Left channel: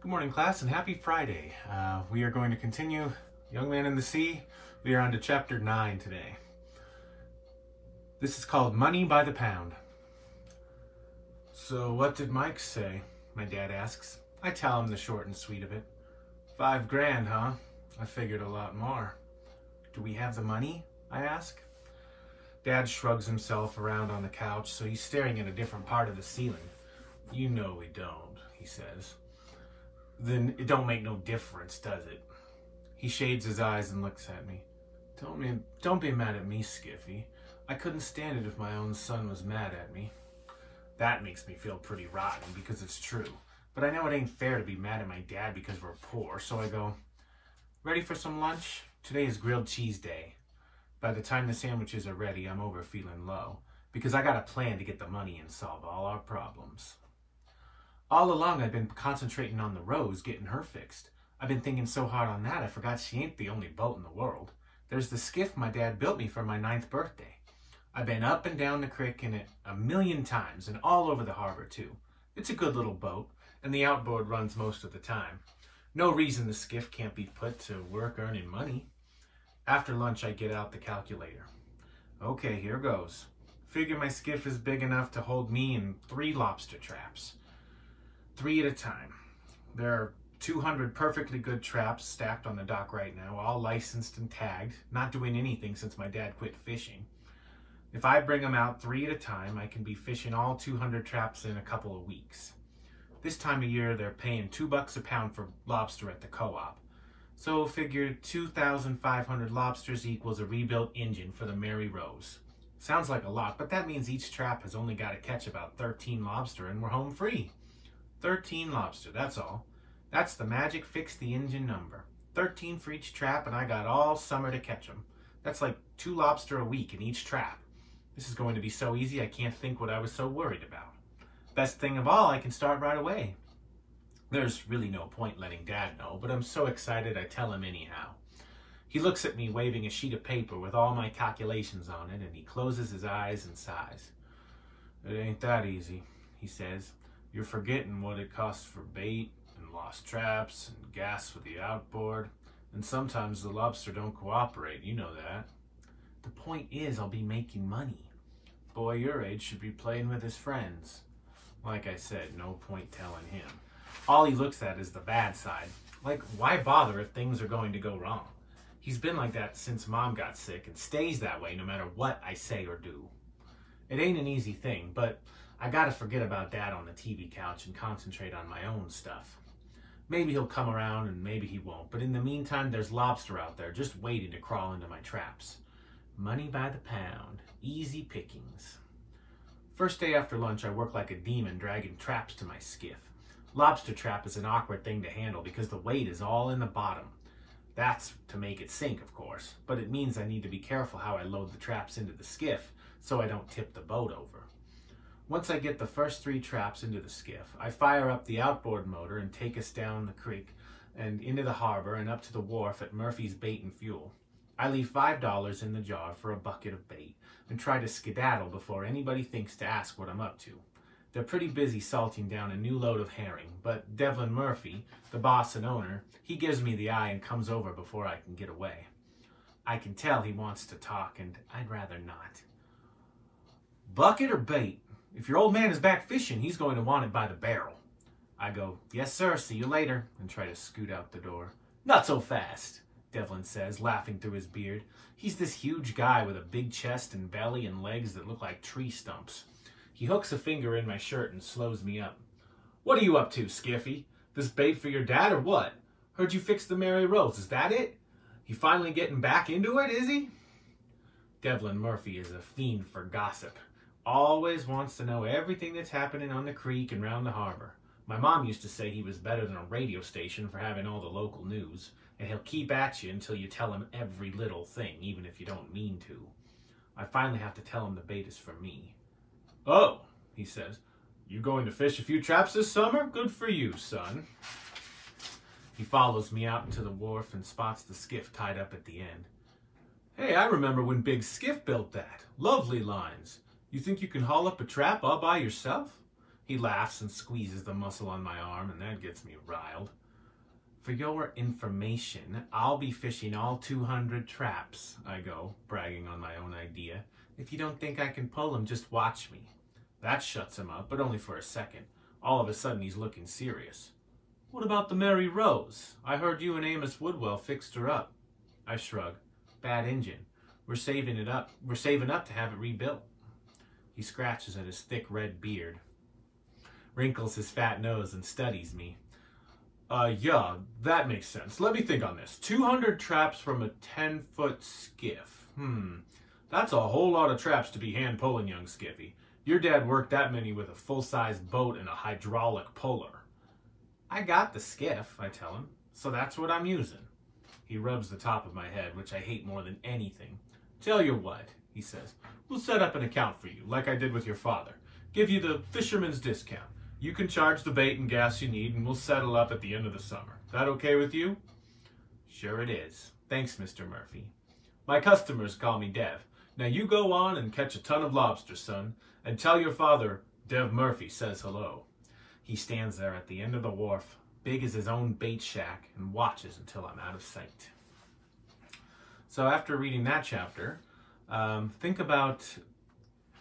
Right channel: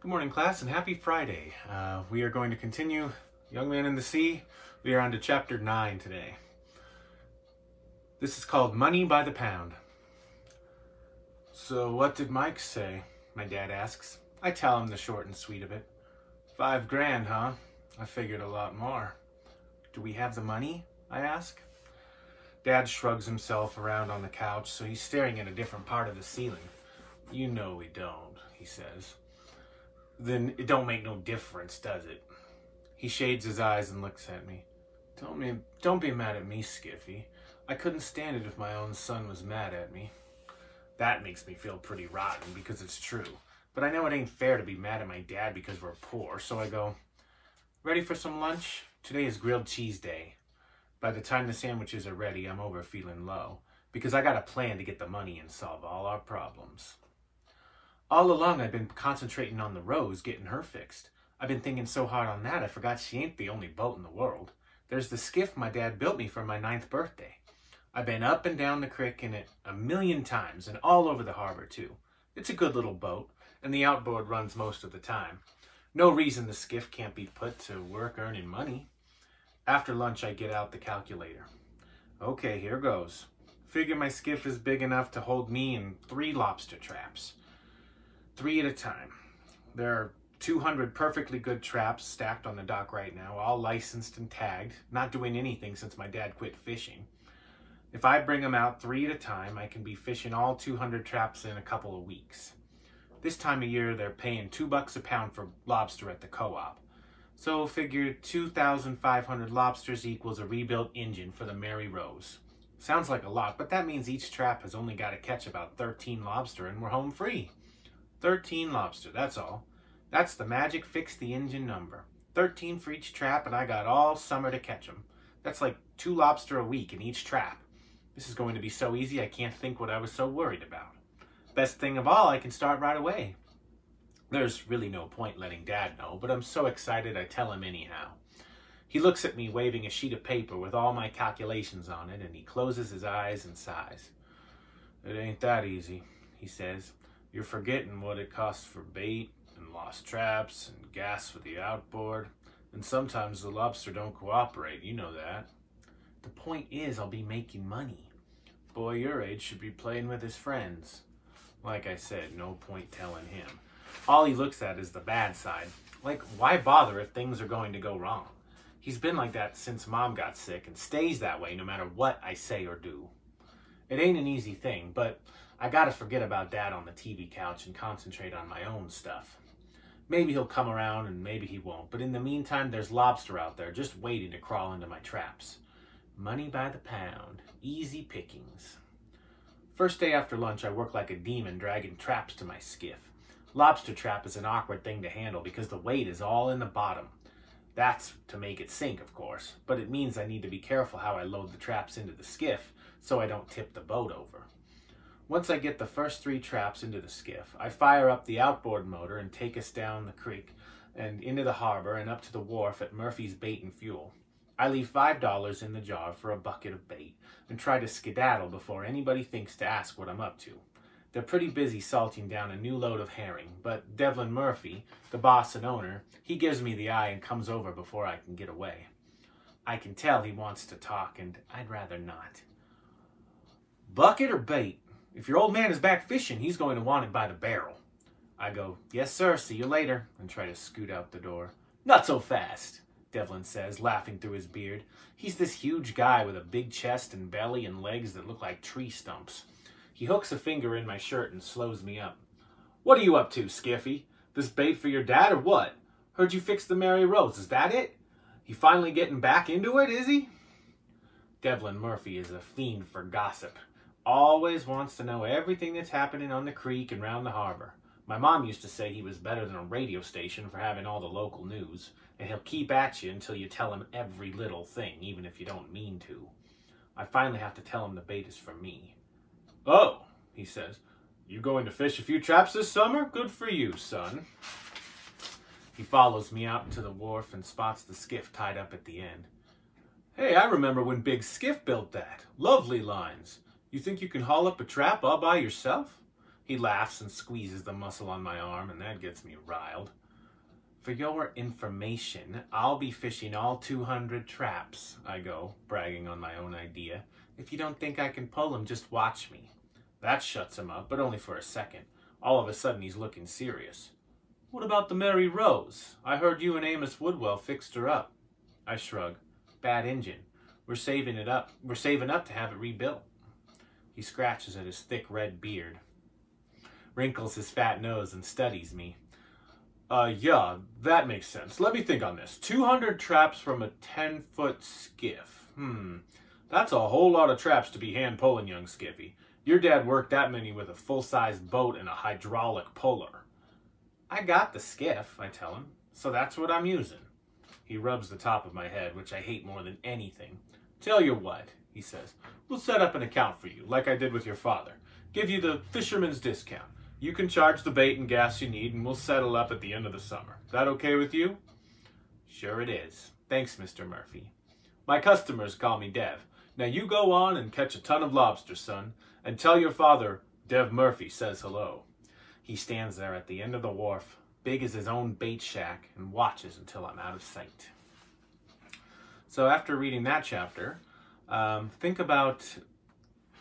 Good morning, class, and happy Friday. We are going to continue Young Man in the Sea. We are on to chapter 9 today. This is called Money by the Pound. So what did Mike say? My dad asks. I tell him the short and sweet of it. $5 grand, huh? I figured a lot more. Do we have the money? I ask. Dad shrugs himself around on the couch, so he's staring at a different part of the ceiling. You know we don't, he says. Then it don't make no difference, does it? He shades his eyes and looks at me. Don't be mad at me, Skiffy. I couldn't stand it if my own son was mad at me. That makes me feel pretty rotten because it's true. But I know it ain't fair to be mad at my dad because we're poor, so I go, ready for some lunch? Today is grilled cheese day. By the time the sandwiches are ready, I'm over feeling low because I got a plan to get the money and solve all our problems. All along, I've been concentrating on the Rose, getting her fixed. I've been thinking so hard on that, I forgot she ain't the only boat in the world. There's the skiff my dad built me for my 9th birthday. I've been up and down the creek in it 1,000,000 times and all over the harbor, too. It's a good little boat, and the outboard runs most of the time. No reason the skiff can't be put to work earning money. After lunch, I get out the calculator. Okay, here goes. Figure my skiff is big enough to hold me and 3 lobster traps. 3 at a time. There are 200 perfectly good traps stacked on the dock right now, all licensed and tagged, not doing anything since my dad quit fishing. If I bring them out 3 at a time, I can be fishing all 200 traps in a couple of weeks. This time of year, they're paying $2 a pound for lobster at the co-op. So figure 2,500 lobsters equals a rebuilt engine for the Mary Rose. Sounds like a lot, but that means each trap has only got to catch about 13 lobster and we're home free. 13 lobster, that's all. That's the magic fix the engine number. 13 for each trap and I got all summer to catch them. That's like 2 lobster a week in each trap. This is going to be so easy I can't think what I was so worried about. Best thing of all, I can start right away. There's really no point letting Dad know, but I'm so excited I tell him anyhow. He looks at me waving a sheet of paper with all my calculations on it and he closes his eyes and sighs. It ain't that easy, he says. You're forgetting what it costs for bait and lost traps and gas for the outboard. And sometimes the lobster don't cooperate, you know that. The point is I'll be making money. Boy your age should be playing with his friends. Like I said, no point telling him. All he looks at is the bad side. Like, why bother if things are going to go wrong? He's been like that since Mom got sick and stays that way no matter what I say or do. It ain't an easy thing, but I gotta forget about Dad on the TV couch and concentrate on my own stuff. Maybe he'll come around and maybe he won't, but in the meantime, there's lobster out there just waiting to crawl into my traps. Money by the pound. Easy pickings. First day after lunch, I work like a demon dragging traps to my skiff. Lobster trap is an awkward thing to handle because the weight is all in the bottom. That's to make it sink, of course, but it means I need to be careful how I load the traps into the skiff so I don't tip the boat over. Once I get the first 3 traps into the skiff, I fire up the outboard motor and take us down the creek and into the harbor and up to the wharf at Murphy's Bait and Fuel. I leave $5 in the jar for a bucket of bait and try to skedaddle before anybody thinks to ask what I'm up to. They're pretty busy salting down a new load of herring, but Devlin Murphy, the boss and owner, he gives me the eye and comes over before I can get away. I can tell he wants to talk, and I'd rather not. Bucket or bait? If your old man is back fishing, he's going to want it by the barrel. I go, yes, sir, see you later, and try to scoot out the door. Not so fast, Devlin says, laughing through his beard. He's this huge guy with a big chest and belly and legs that look like tree stumps. He hooks a finger in my shirt and slows me up. What are you up to, Skiffy? This bait for your dad or what? Heard you fixed the Mary Rose, is that it? He finally getting back into it, is he? Devlin Murphy is a fiend for gossip. Always wants to know everything that's happening on the creek and round the harbor. My mom used to say he was better than a radio station for having all the local news, and he'll keep at you until you tell him every little thing, even if you don't mean to. I finally have to tell him the bait is for me. Oh, he says, you going to fish a few traps this summer? Good for you, son. He follows me out into the wharf and spots the skiff tied up at the end. Hey, I remember when Big Skiff built that. Lovely lines. You think you can haul up a trap all by yourself? He laughs and squeezes the muscle on my arm, and that gets me riled. For your information, I'll be fishing all 200 traps, I go, bragging on my own idea. If you don't think I can pull them, just watch me. That shuts him up, but only for a second. All of a sudden, he's looking serious. What about the Mary Rose? I heard you and Amos Woodwell fixed her up. I shrug. Bad engine. We're saving up to have it rebuilt. He scratches at his thick red beard, wrinkles his fat nose, and studies me. Yeah, that makes sense. Let me think on this. 200 traps from a 10-foot skiff. That's a whole lot of traps to be hand-pulling, young Skippy. Your dad worked that many with a full-sized boat and a hydraulic puller. I got the skiff, I tell him, so that's what I'm using. He rubs the top of my head, which I hate more than anything. Tell you what, he says, we'll set up an account for you, like I did with your father. Give you the fisherman's discount. You can charge the bait and gas you need, and we'll settle up at the end of the summer. That okay with you? Sure it is. Thanks, Mr. Murphy. My customers call me Dev. Now you go on and catch a ton of lobster, son, and tell your father Dev Murphy says hello. He stands there at the end of the wharf, big as his own bait shack, and watches until I'm out of sight. So after reading that chapter, think about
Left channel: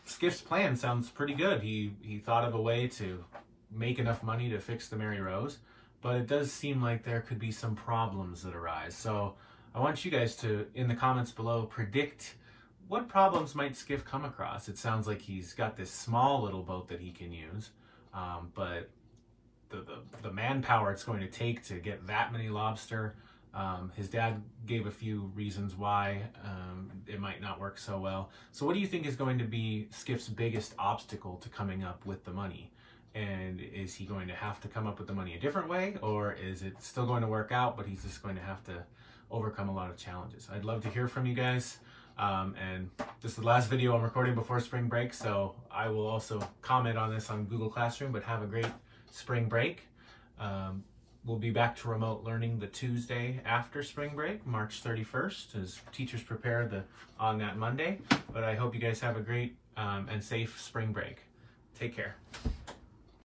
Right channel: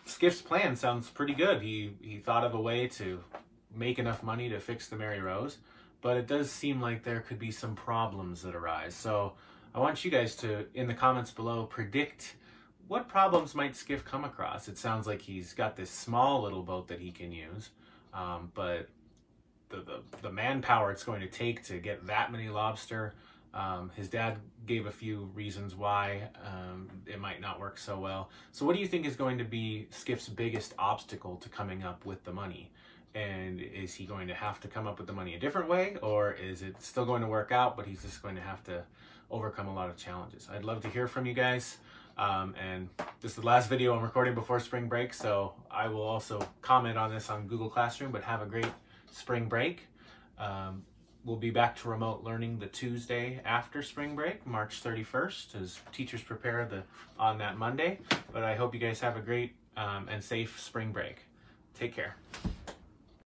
Skiff's plan. Sounds pretty good. He thought of a way to make enough money to fix the Mary Rose, but it does seem like there could be some problems that arise. So I want you guys to, in the comments below, predict what problems might Skiff come across. It sounds like he's got this small little boat that he can use, but the manpower it's going to take to get that many lobster, his dad gave a few reasons why it might not work so well. So what do you think is going to be Skiff's biggest obstacle to coming up with the money? And is he going to have to come up with the money a different way, or is it still going to work out, but he's just going to have to overcome a lot of challenges? I'd love to hear from you guys. And this is the last video I'm recording before spring break, so I will also comment on this on Google Classroom, but have a great spring break. We'll be back to remote learning the Tuesday after spring break, March 31st, as teachers prepare on that Monday. But I hope you guys have a great and safe spring break. Take care.